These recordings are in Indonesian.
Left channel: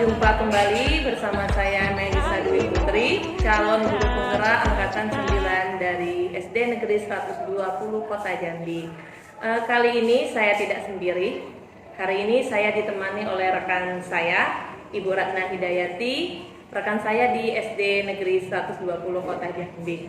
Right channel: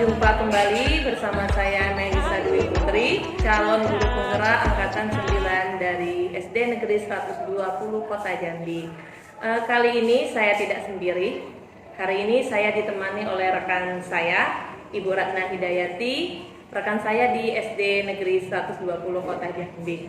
Jumpa kembali bersama saya Melisa Dwi Putri, calon guru penggerak angkatan 9 dari SD Negeri 120 Kota Jambi. Kali ini saya tidak sendiri. Hari ini saya ditemani oleh rekan saya, Ibu Ratna Hidayati, rekan saya di SD Negeri 120 Kota Jambi.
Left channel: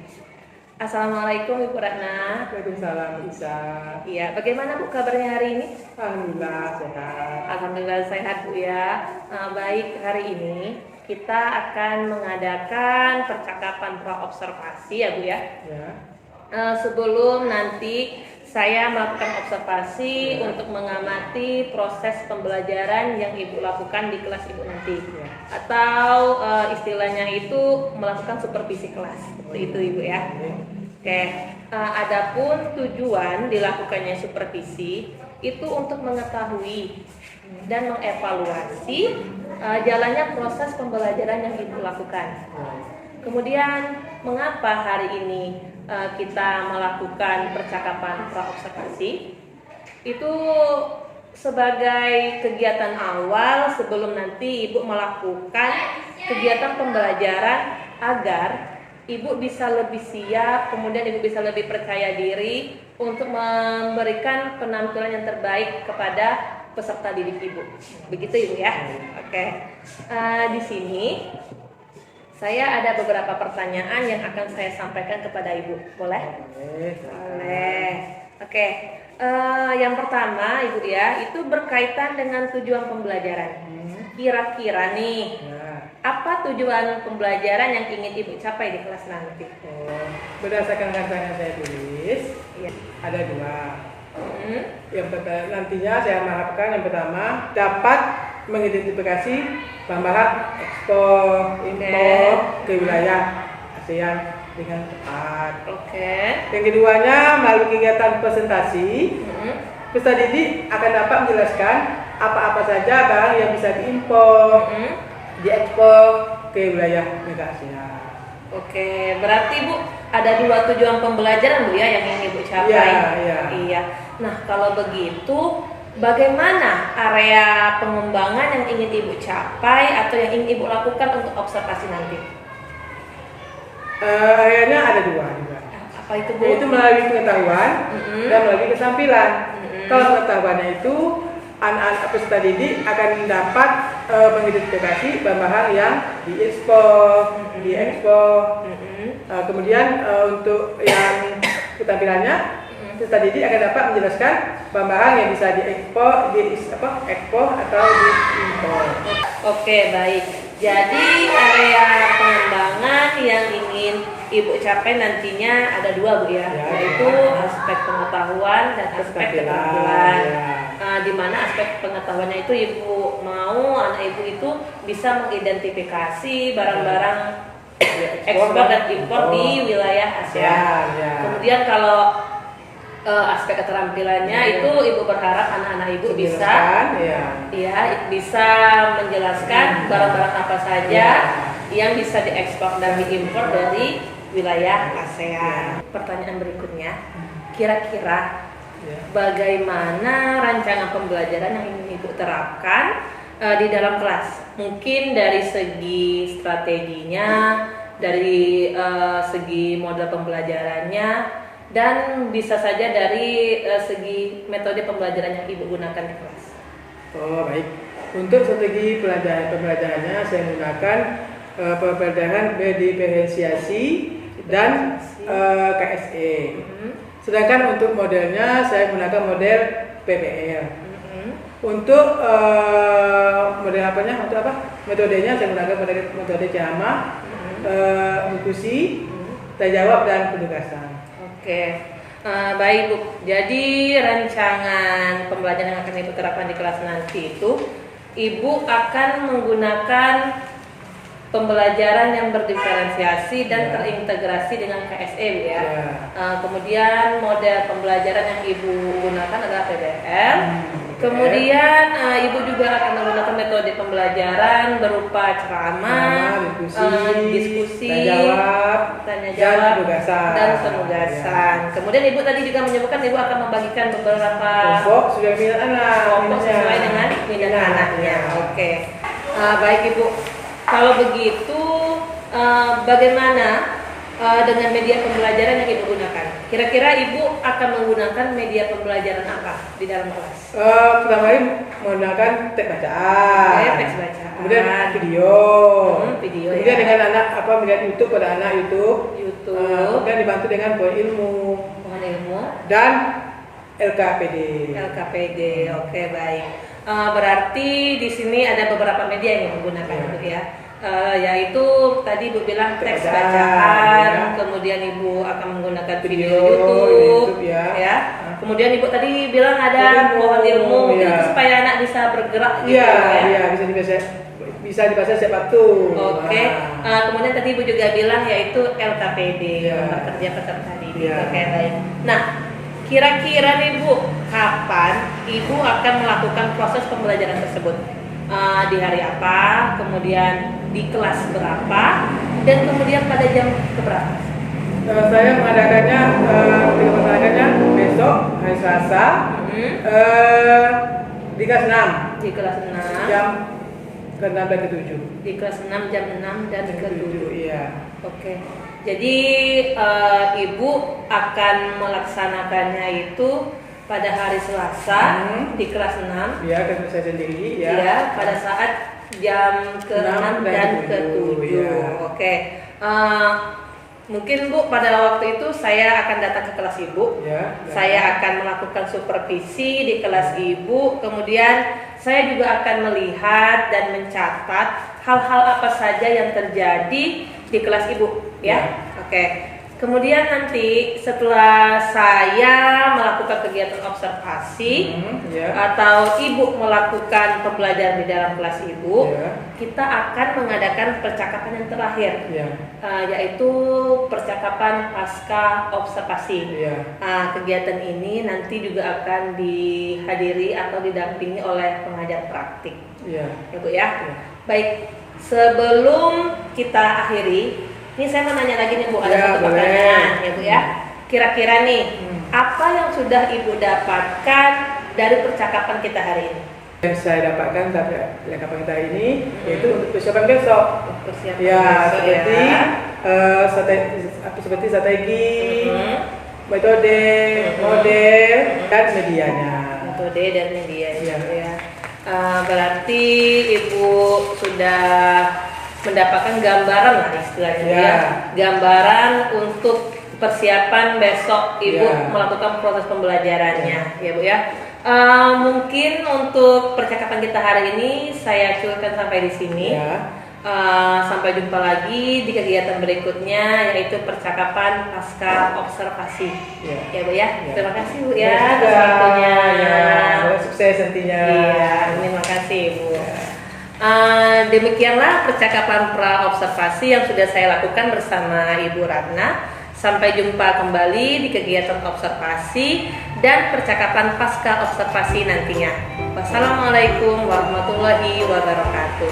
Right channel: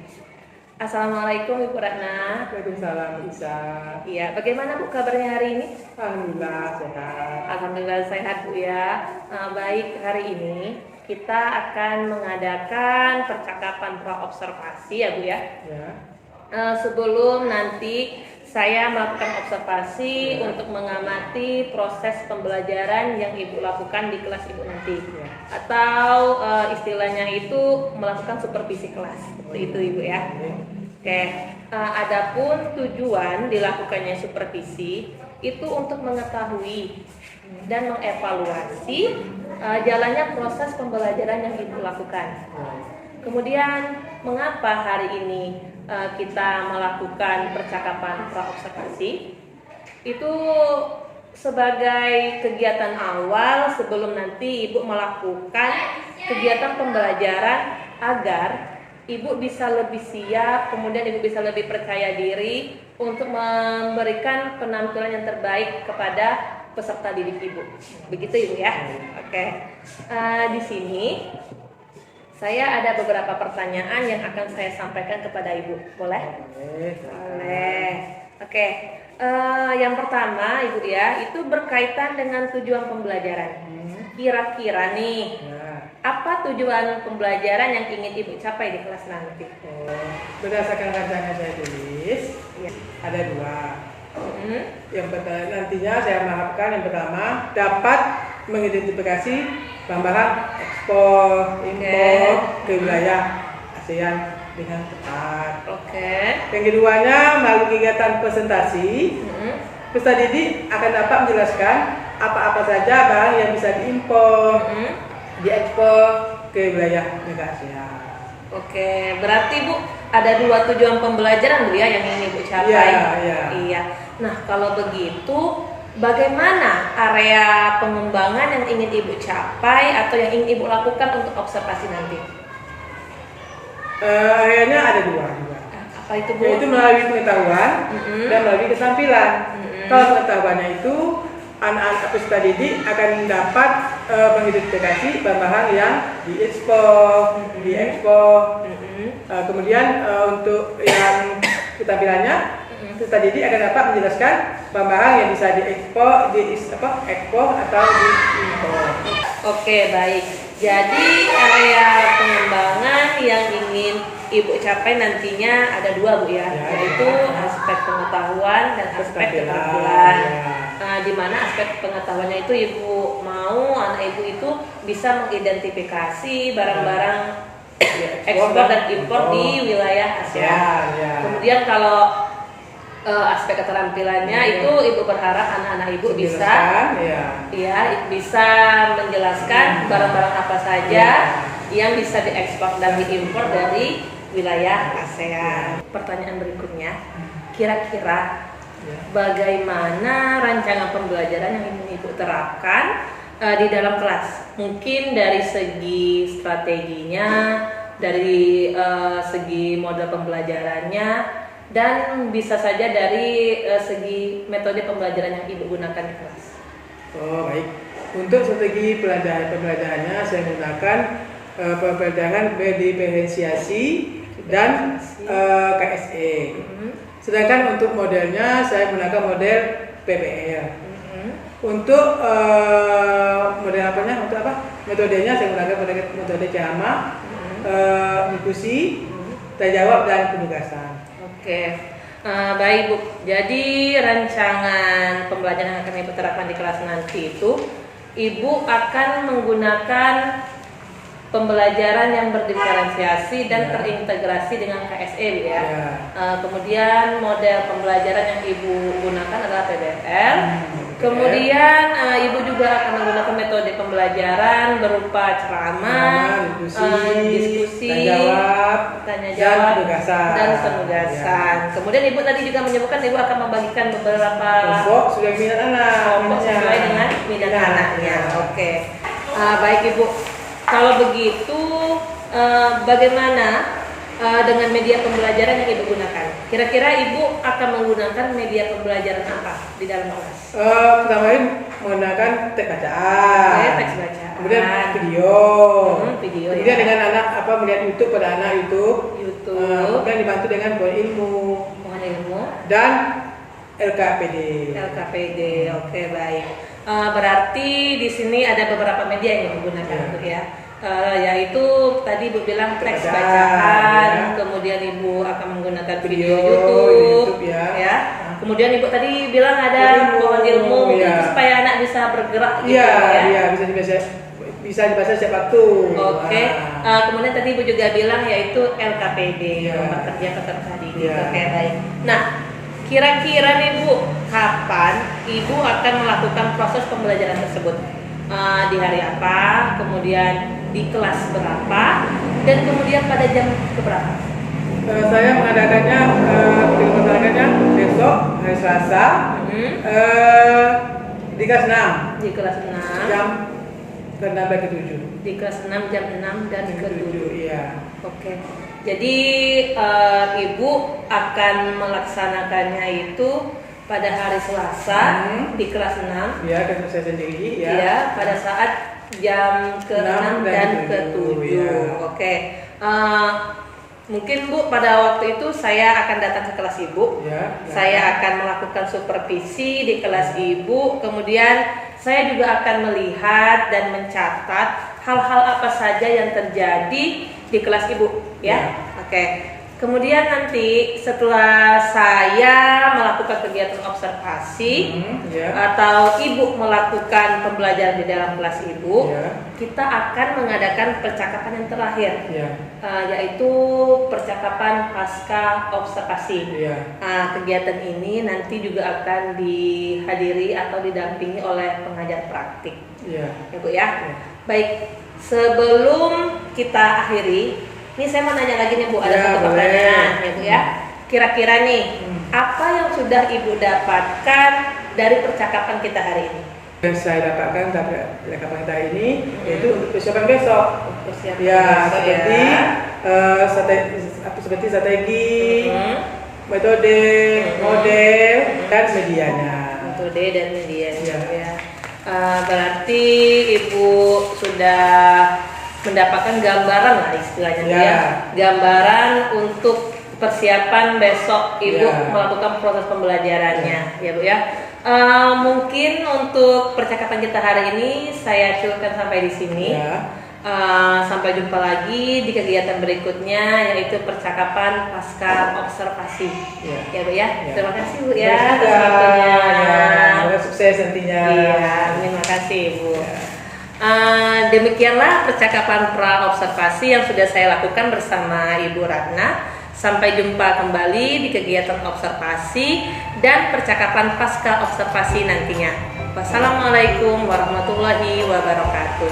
Assalamualaikum Ibu Ratna. Waalaikumsalam Isa. Iya, bagaimana Bu kabarnya hari ini? Alhamdulillah sehat. Alhamdulillah sehat Bu ya. Baik, hari ini kita akan mengadakan percakapan pra-observasi ya Bu ya. Ya. Sebelum nanti saya melakukan observasi untuk mengamati proses pembelajaran yang Ibu lakukan di kelas Ibu nanti. Atau istilahnya itu melakukan supervisi kelas. Seperti itu Ibu ya. Oke, adapun tujuan dilakukannya supervisi itu untuk mengetahui dan mengevaluasi jalannya proses pembelajaran yang Ibu lakukan. Kemudian mengapa hari ini kita melakukan percakapan pra-observasi? Itu sebagai kegiatan awal sebelum nanti Ibu melakukan kegiatan pembelajaran agar Ibu bisa lebih siap, kemudian Ibu bisa lebih percaya diri untuk memberikan penampilan yang terbaik kepada peserta didik Ibu. Begitu Ibu ya? Oke. Di sini saya ada beberapa pertanyaan yang akan saya sampaikan kepada Ibu. Boleh? Boleh. Oke. Yang pertama Ibu ya, itu berkaitan dengan tujuan pembelajaran. Kira-kira nih, apa tujuan pembelajaran yang ingin Ibu capai di kelas nanti? Berdasarkan rancangan saya tulis, ada dua. Yang pertama, nantinya saya mengharapkan yang pertama dapat mengidentifikasi bahan ekspor impor ke wilayah ASEAN dengan tepat. Yang keduanya melalui kegiatan presentasi, peserta didik akan dapat menjelaskan apa-apa saja barang yang bisa diimpor, diekspor ke wilayah negara ASEAN. Oke, berarti Bu ada dua tujuan pembelajaran Bu ya yang ingin Ibu capai. Iya. Nah, kalau begitu bagaimana area pengembangan yang ingin Ibu capai atau yang ingin Ibu lakukan untuk observasi nanti? Areanya ada dua juga. Apa itu Bu? Yaitu melalui pengetahuan dan melalui keterampilan. Kalau pengetahuannya itu anak-anak peserta didik akan dapat mengidentifikasi bahan-bahan yang diekspor, kemudian untuk yang keterampilannya peserta didik akan dapat menjelaskan bahan-bahan yang bisa ekspor atau diimpor. Oke, baik. Jadi area pengembangan yang ingin Ibu capai nantinya ada dua Bu ya, yaitu aspek pengetahuan dan aspek keterampilan. Di mana aspek pengetahuannya itu Ibu mau anak Ibu itu bisa mengidentifikasi barang-barang ekspor dan impor di wilayah ASEAN. Kemudian kalau aspek keterampilannya itu Ibu berharap anak-anak Ibu bisa bisa menjelaskan barang-barang apa saja yang bisa diekspor dan diimpor dari wilayah ASEAN. Pertanyaan berikutnya, kira-kira bagaimana rancangan pembelajaran yang ingin Ibu terapkan di dalam kelas? Mungkin dari segi strateginya, dari segi model pembelajarannya, dan bisa saja dari segi metode pembelajaran yang Ibu gunakan di kelas. Oh baik, untuk strategi pembelajarannya saya menggunakan pembelajaran berdiferensiasi dan KSE. Sedangkan untuk modelnya saya menggunakan model PBL. Untuk model metodenya saya menggunakan metode JAMA, diskusi, tanya jawab dan penugasan. Oke, baik Bu. Jadi rancangan pembelajaran yang akan Ibu terapkan di kelas nanti itu, Ibu akan menggunakan pembelajaran yang berdiferensiasi dan terintegrasi dengan KSE Bu ya. Kemudian model pembelajaran yang Ibu gunakan adalah PBL. Kemudian Ibu juga akan menggunakan metode pembelajaran berupa ceramah, diskusi, tanya jawab, dan penugasan. Kemudian Ibu tadi juga menyebutkan Ibu akan membagikan beberapa kelompok sesuai minat anak. Kelompok sesuai dengan minat anaknya. Oke. Baik Ibu, kalau begitu bagaimana dengan media pembelajaran yang Ibu gunakan? Kira-kira Ibu akan menggunakan media pembelajaran apa di dalam kelas? Pertama ini menggunakan teks bacaan. Oke, teks bacaan. Kemudian video. Video Kemudian ya. dengan anak melihat YouTube pada anak YouTube. Kemudian dibantu dengan pohon ilmu Pohon ilmu. dan LKPD. LKPD, oke baik. Berarti di sini ada beberapa media yang Ibu gunakan Ya. Bu ya. Yaitu tadi Ibu bilang teks Bacaan, bacaan, ya. kemudian Ibu akan menggunakan video Video YouTube, ya. Kemudian Ibu tadi bilang ada Ilmu, pohon ilmu, mungkin ya. itu supaya anak bisa bergerak gitu Iya, ya. iya bisa dibaca setiap waktu. Oke. Kemudian tadi Ibu juga bilang yaitu LKPD, Ya. Lembar Kerja Peserta Didik. Ya. Oke baik. Nah, kira-kira nih Bu, kapan Ibu akan melakukan proses pembelajaran tersebut? Di hari apa? Kemudian di kelas berapa? Dan kemudian pada jam keberapa? Saya mengadakannya besok hari Selasa di kelas 6 Di kelas 6. jam ke-6 dan ke-7. Di kelas 6 jam 6 dan ke-7. Iya. Oke. Jadi Ibu akan melaksanakannya itu pada hari Selasa di kelas 6. Iya, kan saya sendiri ya. Ya, pada saat jam ke-6 6 dan dan ke-7. ya. Oke. Mungkin Bu pada waktu itu saya akan datang ke kelas Ibu. Ya. Saya akan melakukan supervisi di kelas Ibu. Kemudian saya juga akan melihat dan mencatat hal-hal apa saja yang terjadi di kelas Ibu, ya. Oke. Kemudian nanti setelah saya melakukan kegiatan observasi atau Ibu melakukan pembelajaran di dalam kelas Ibu, kita akan mengadakan percakapan yang terakhir, yaitu percakapan pasca observasi. Kegiatan ini nanti juga akan dihadiri atau didampingi oleh pengajar praktik, ya Bu ya. Baik, sebelum kita akhiri, ini saya mau nanya lagi nih Bu, ada satu pertanyaan ya Bu ya. Kira-kira nih, apa yang sudah Ibu dapatkan dari percakapan kita hari ini? Yang saya dapatkan dari percakapan kita hari ini yaitu untuk persiapan besok. Persiapan Ya, besok seperti strategi, metode, model, dan medianya. Metode dan medianya Ya. Berarti Ibu sudah mendapatkan gambaran lah istilahnya ya. Gambaran untuk persiapan besok Ibu melakukan proses pembelajarannya ya Bu ya. Mungkin untuk percakapan kita hari ini saya cukupkan sampai di sini. Sampai jumpa lagi di kegiatan berikutnya yaitu percakapan pasca observasi. Ya Bu ya. Terima kasih Bu ya atas waktunya. Sukses nantinya. Iya, terima kasih Bu. Demikianlah percakapan pra observasi yang sudah saya lakukan bersama Ibu Ratna. Sampai jumpa kembali di kegiatan observasi dan percakapan pasca observasi nantinya. Wassalamualaikum warahmatullahi wabarakatuh.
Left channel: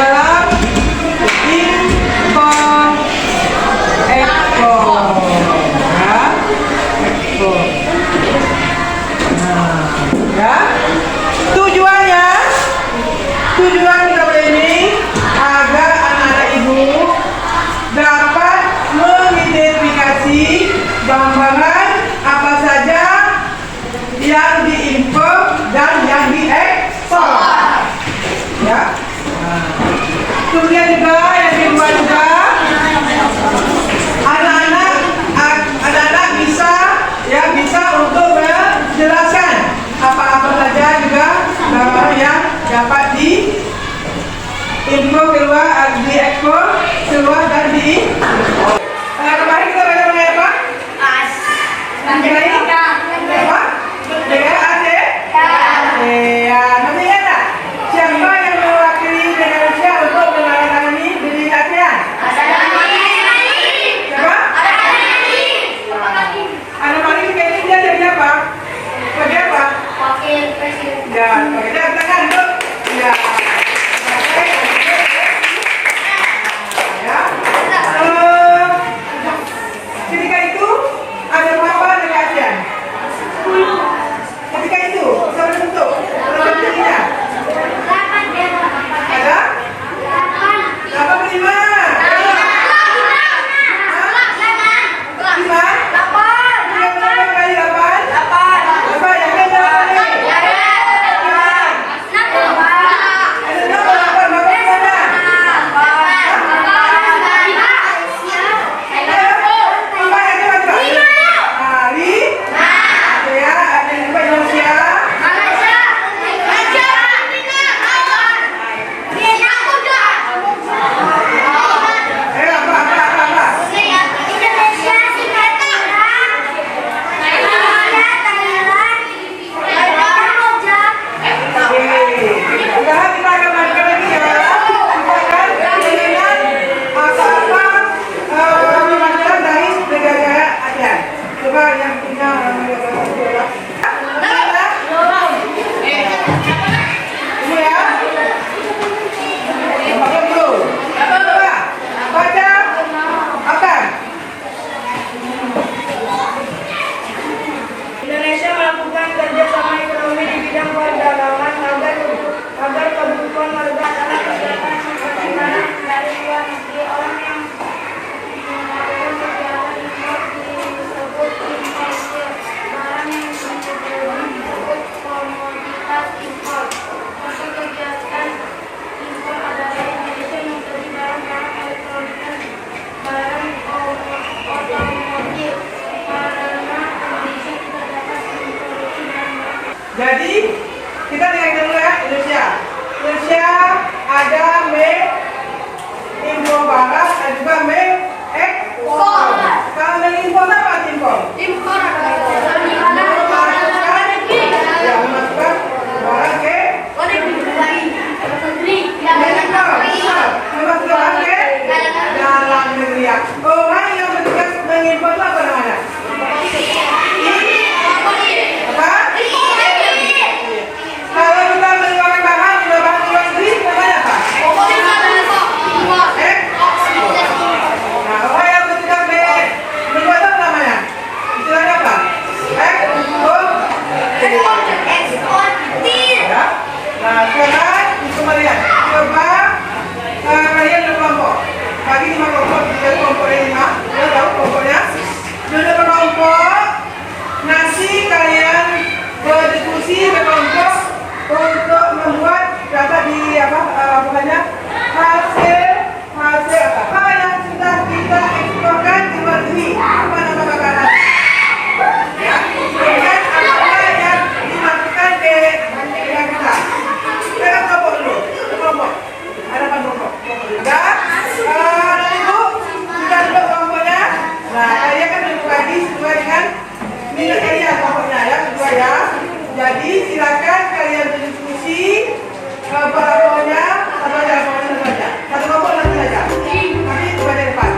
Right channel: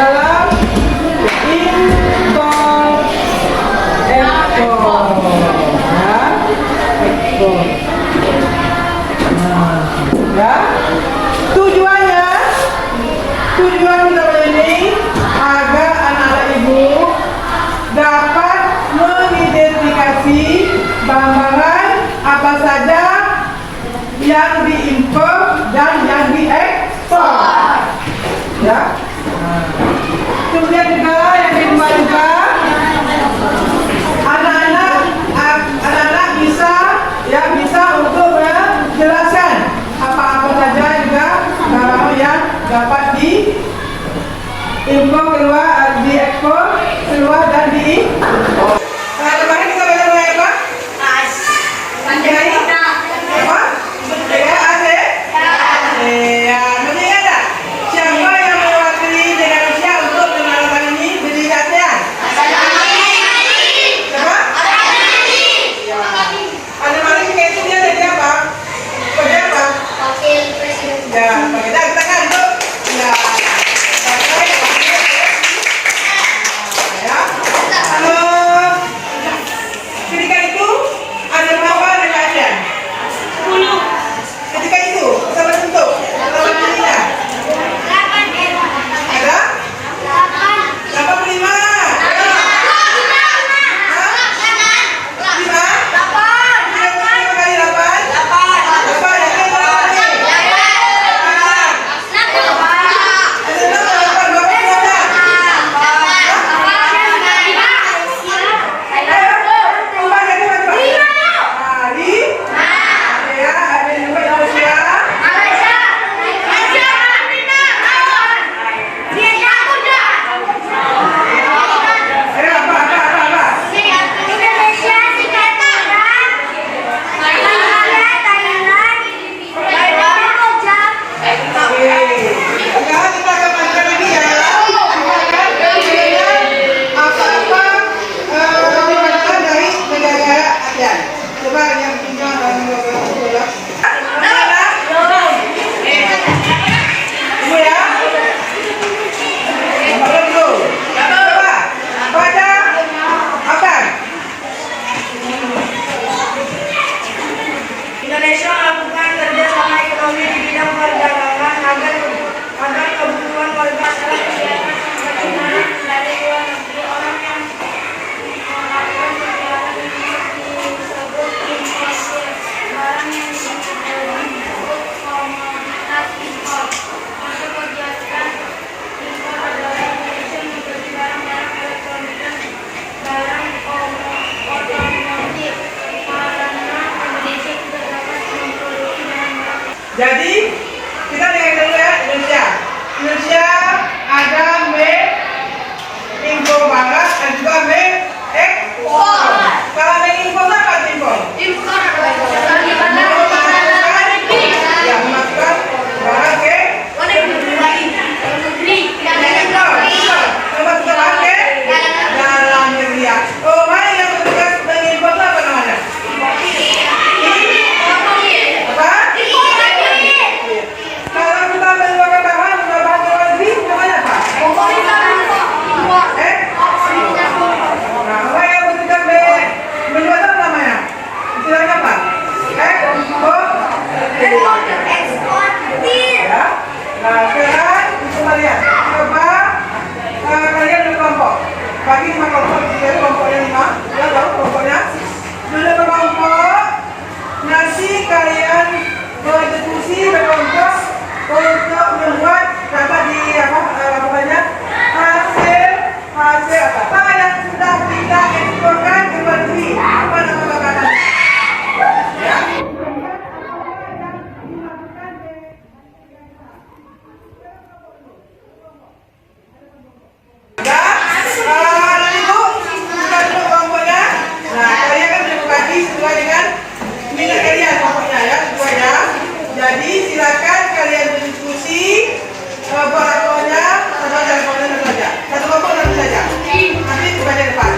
dalam impor ekspor ya, ekspor. Nah, ya. Tujuan kita ini agar anak-anak ibu dapat mengidentifikasi bahan-bahan apa saja yang diimpor dan yang diekspor. Ya. Nah. Kemudian juga yang kedua juga anak-anak bisa untuk menjelaskan apa-apa saja juga barang yang dapat diimpor keluar, diekspor keluar dan diimpor. Kemarin kita belajar mengenai apa? Mengenai apa? DAC? Ya, masih ingat tak? Siapa yang mewakili Indonesia untuk menandatangani berita ASEAN? Siapa? Ada mana sih kayaknya dia jadi apa? Sebagai apa? Wakil Presiden. Ya, pakai tangan tuh. Ya. Ketika itu ada berapa negara ASEAN? 10. Ketika itu sama bentuk sama bentuknya ada 85. Indonesia melakukan kerjasama ekonomi di bidang perdagangan agar kebutuhan warga masyarakat kesehatan seperti dari luar negeri. Orang yang melakukan kegiatan impor disebut importir. Barang yang disebut komoditas impor. Untuk kegiatan impor adalah Indonesia membeli barang elektronik dan barang otomotif. Jadi kita lihat dulu ya Indonesia. Indonesia ada make impor barang dan juga make ekspor. Kalau make impor apa impor? Impor Ya, memasukkan barang ke memasukkan barang ke dalam negeri. Oh, mana yang bertugas mengimpor itu apa namanya? Kalau kita mengeluarkan bahan luar negeri, namanya apa? Nah, apa yang bertugas membuat apa namanya? Istilahnya apa? Ekspor. Ya. Nah, sekarang coba lihat. Coba kalian berkelompok. Bagi 5 kelompok, jadi kelompoknya 5. Ya, tahu kelompoknya? Sudah berkelompok. Nanti kalian berdiskusi berkelompok untuk membuat dapat di hasil apa yang sudah kita eksporkan ke luar negeri. Apa nama makanan? Ya, kemudian apa yang dimasukkan ke negara kita. Kita kelompok dulu. Kelompok. Ada apa kelompok? Dan ibu sudah ada kelompoknya. Nah, kalian kan sudah berbagi sesuai dengan minat kalian kelompoknya ya, sesuai ya. Jadi silakan kalian berdiskusi kelompoknya satu kelompok saja. Nanti kepada depan.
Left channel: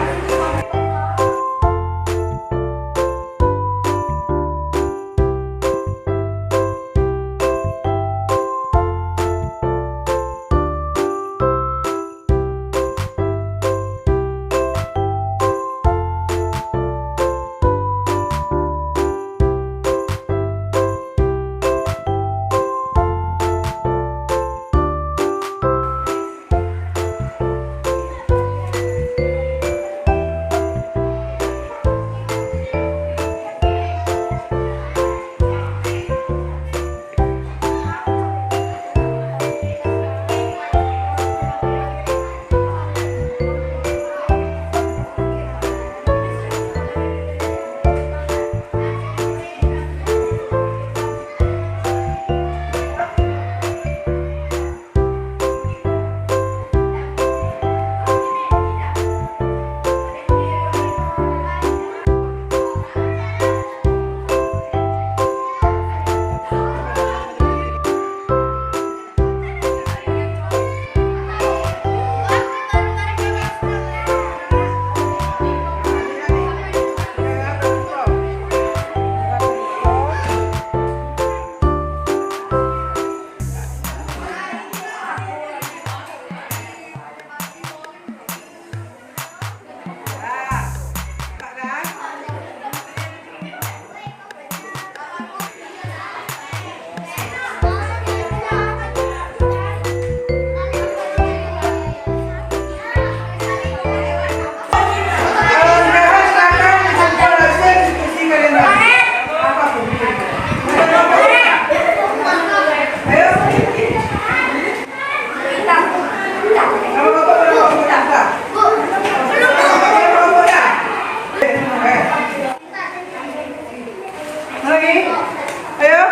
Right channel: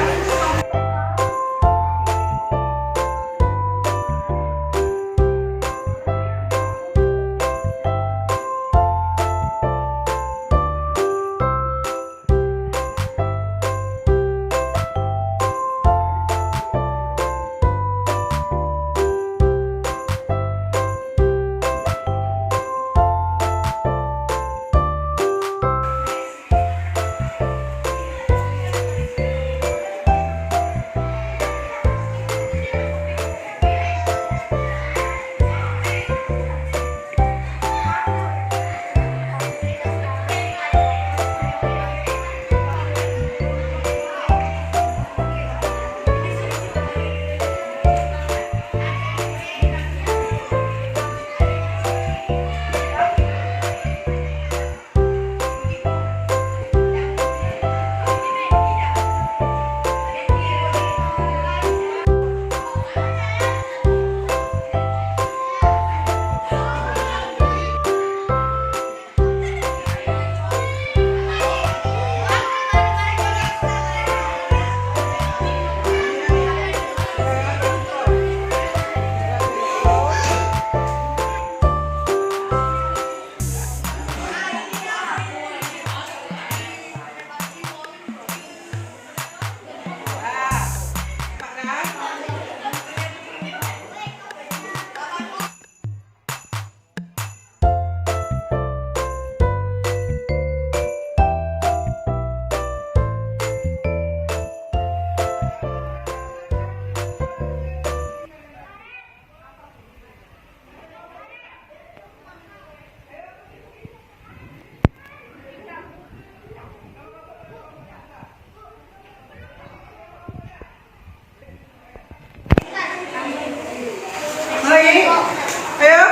Ayo,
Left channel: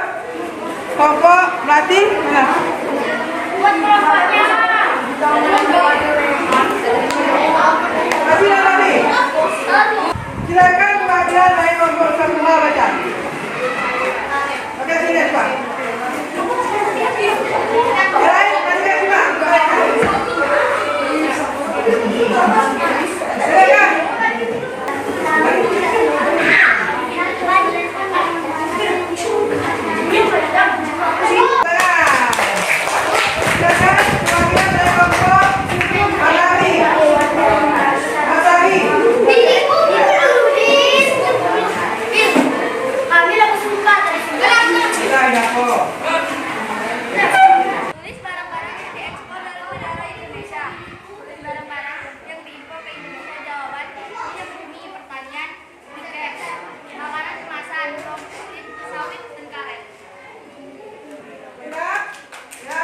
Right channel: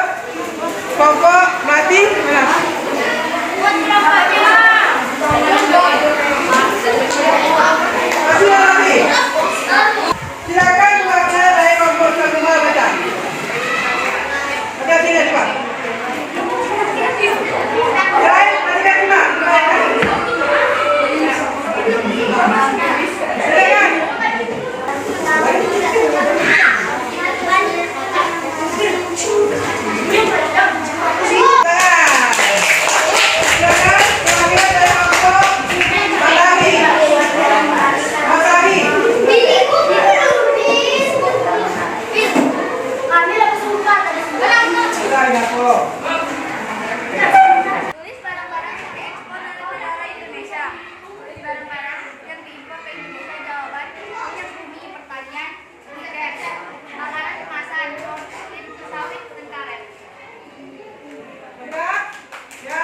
kelompok Melati, mana? Buat kelompoknya. Kasih Melati. Silakan perwakilan dari kelompok semua baca. Baca sini cepat. Baik, mari kita simak. Silakan. Tulis barang-barang yang diekspor dari negara Indonesia. Tulis barang-barang yang diimpor ke Indonesia. Jawaban minyak bumi, pertanian, migas, makanan kemasan, roti, sawit, dan karet. Ya,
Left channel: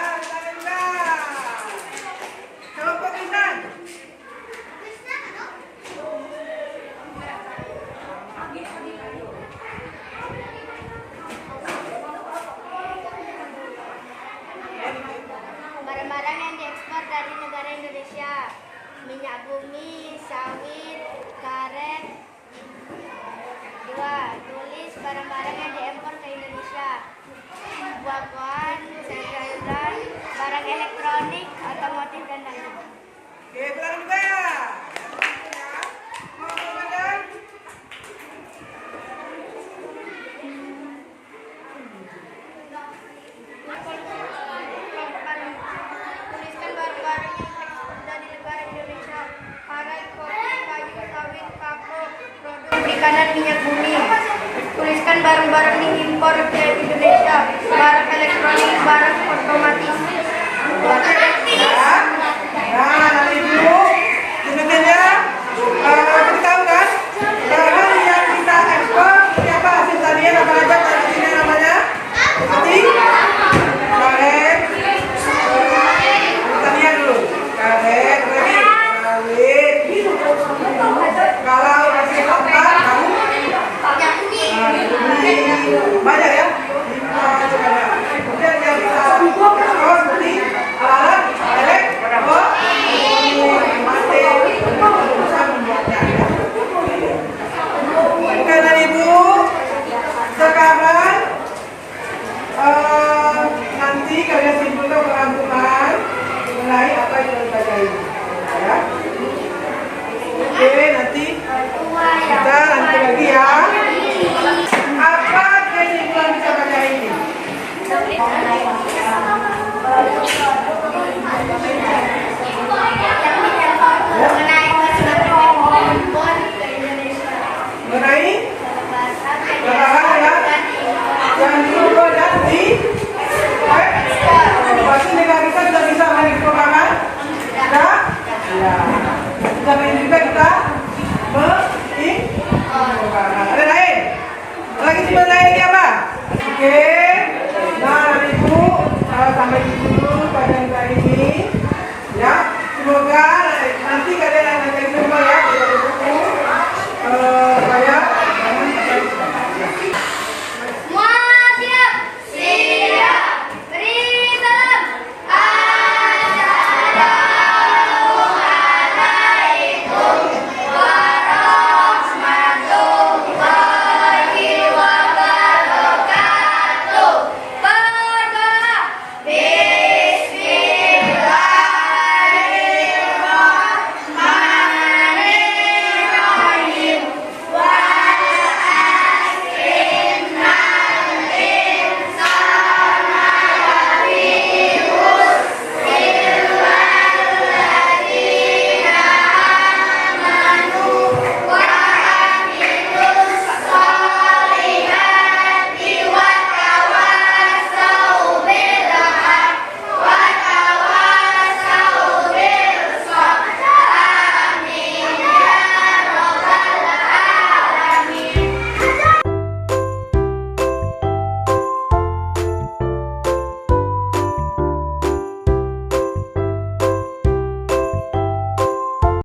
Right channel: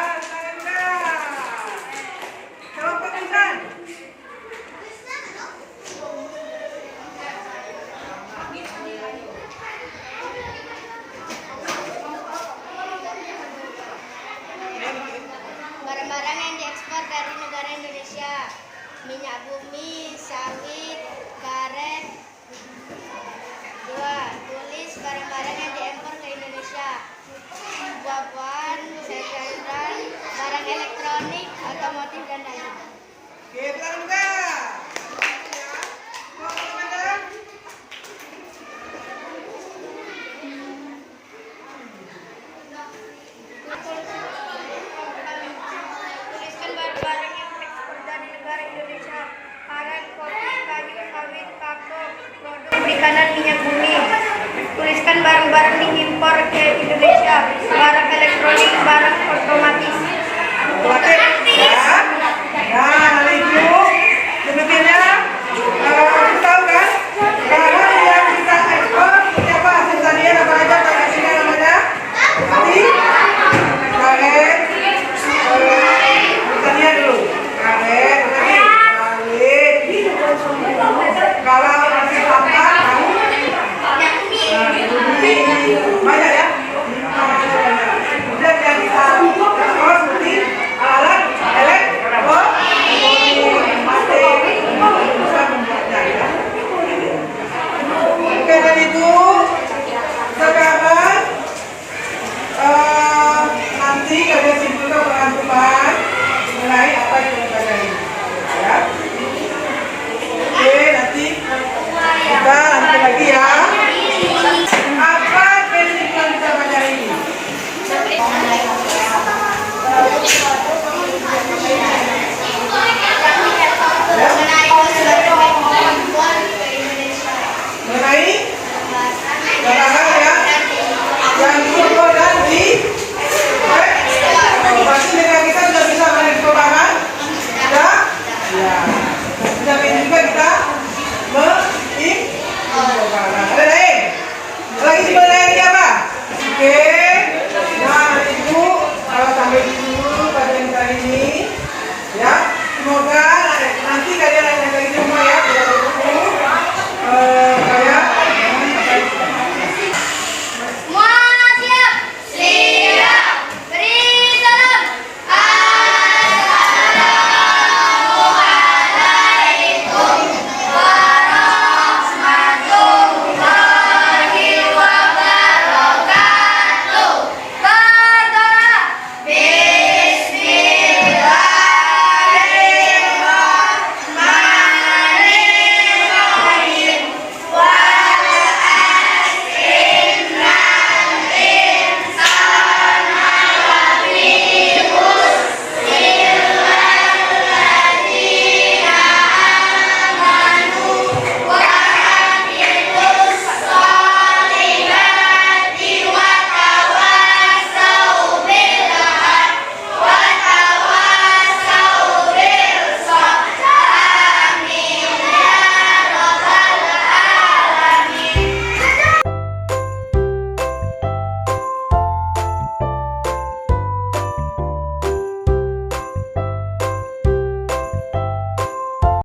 kelompok insan. Barang-barang yang diekspor dari negara Indonesia: minyak bumi, sawit, karet. 2. Tulis barang-barang yang diimpor ke Indonesia: buah-buahan, sayur-sayuran, barang elektronik, otomotif, dan lainnya. Oke, silakan buka. Kelompok Medan. Tuliskan barang-barang yang diekspor dari negara Indonesia: karet, kopi, kayu, sawit, kakao, produk perikanan, minyak bumi. Tuliskan barang-barang diimpor ke Indonesia: barang elektronik, barang otomatis. Terakhir, ya. Nah, hari itu demikiannya. Kamu tahu kan? Barang yang kita ekspor, siapa hasil tadi? Nama aja di sini namanya. Abi, karet, pertanian dulu. Karet, lagi sawit. Kalau hasil tampak, kamu banyak ya. Kemudian yang kita ekspor seperti alat elektronik, bisa membuatnya ya. Oke, dan Ibu, sekarang nanti kalian